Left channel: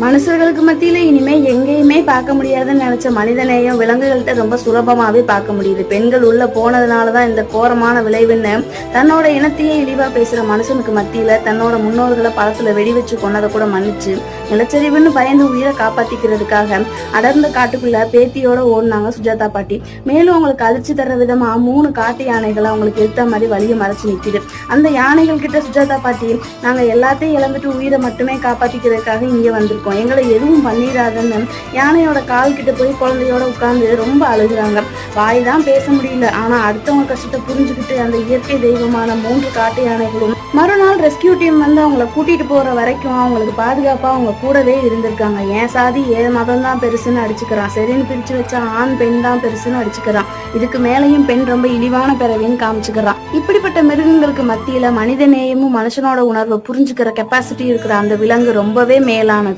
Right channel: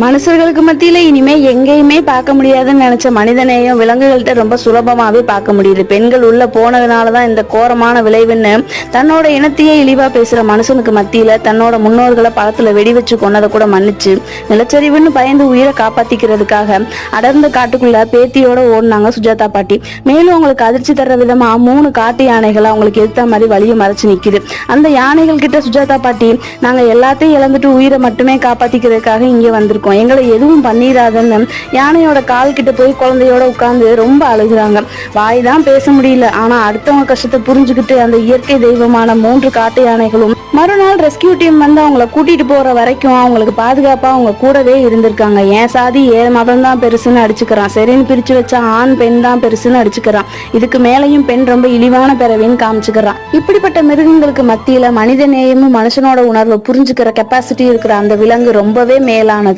மனுஷர்களுக்கு மத்தியில இனிமே எங்கேயுமே பார்க்க முடியாதுன்னு நினைச்ச மனிதநேயம் விலங்குகள்கிட்ட ரொம்ப சுலபமாவே பார்க்க முடியுது. பெண்கள் உள்ள போனதுனாலதான் இந்த கோரமான விளைவுன்னு தன்னோட இனத்தையே இழிவா பேசுற மனுஷனுக்கு மத்தியில தன்னோட முன்னோர்களை பழத்துல வெடி வச்சு கொன்னதை கூட மன்னிச்சு நிலச்சரிவுன்னு பயந்து உயிரை காப்பாத்திக்கிறதுக்காக அடர்ந்த காட்டுக்குள்ள பேத்தியோட ஓடினாங்க சுஜாதா பாட்டி. மேலும் அவங்களுக்கு அதிர்ச்சி தர்ற விதமா 3 காட்டு யானைகளை அவங்களுக்கு எடுத்த மாதிரி வழியை மறைச்சு நிக்குது. அந்த யானைகள் கிட்ட சுஜாதா பாட்டி, நாங்க எல்லாத்தையும் இழந்துட்டு உயிரை மட்டுமே காப்பாத்திக்கிறதுக்காக இங்க வந்திருக்கோம், எங்களை எதுவும் பண்ணிடாதுன்னு யானையோட கால் கிட்ட போய் குழந்தையோட உட்கார்ந்து ரொம்ப அழுகுறாங்க. வாய் தான் பேச முடியல, ஆனா அடுத்தவங்க கஷ்டத்தை புரிஞ்சுக்கிட்டு அந்த இயற்கை தெய்வமான 3 காட்டு யானைகளும் மறுநாள் ரெஸ்கியூ டீம் வந்து அவங்கள கூட்டிட்டு போற வரைக்கும் அவங்களுக்கு பாதுகாப்பா அவங்க கூடவே இருந்திருக்காங்க. ஏன் சாதி ஏன் மதம் தான் பெருசுன்னு அடிச்சுக்கிறான், சரின்னு பிரிச்சு வச்சா ஆண் பெண் தான் பெருசுன்னு அடிச்சுக்கிறான், இதுக்கு மேலையும் பெண் ரொம்ப இழிவான பிறவின்னு காமிச்சுக்கிறான். இப்படிப்பட்ட மிருகங்களுக்கு மத்தியில மனித நேயமும் மனுஷனோட உணர்வை புரிஞ்சுக்கிற கெப்பாசிட்டி இருக்கிற அந்த விலங்கு ரொம்பவே மேலானது.